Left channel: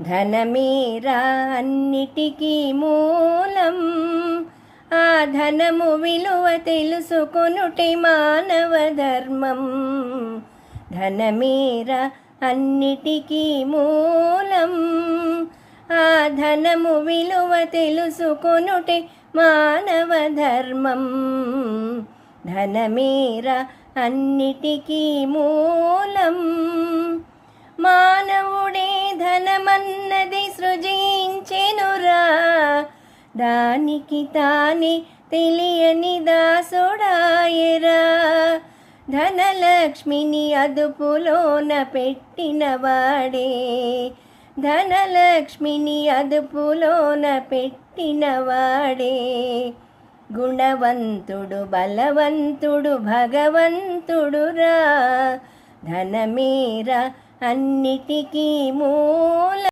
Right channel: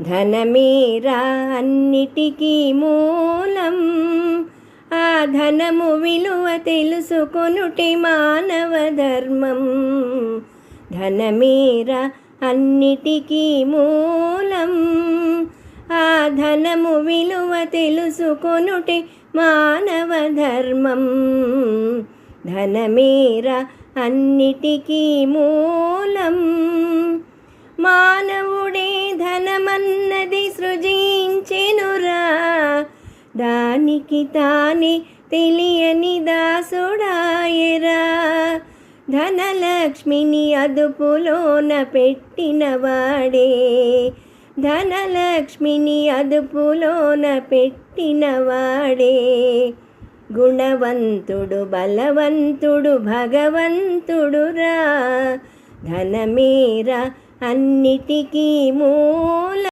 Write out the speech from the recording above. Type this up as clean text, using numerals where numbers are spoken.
ధనమేరా అన్నిటికీ మూలం, ఆ ధనము విలువ తెలుసుకొనుటే మానవ ధర్మం. ధనమేరా అన్నిటికీ మూలం, ఆ ధనము విలువ తెలుసుకొనుటే మానవ ధర్మం. ధనమేరా అన్నిటికీ మూలం. మానవుడే ధనమన్నది సృజించెనురా, దానికి తానే తెలియని దాసుడాయరా. ధనలక్ష్మిని అదుపులోన పెట్టినవాడే, ధనలక్ష్మిని అదుపులోన పెట్టినవాడే. గుణవంతుడు బలవంతుడు భగవంతుడురా, ధనమేరా అన్నిటికీ మూలం.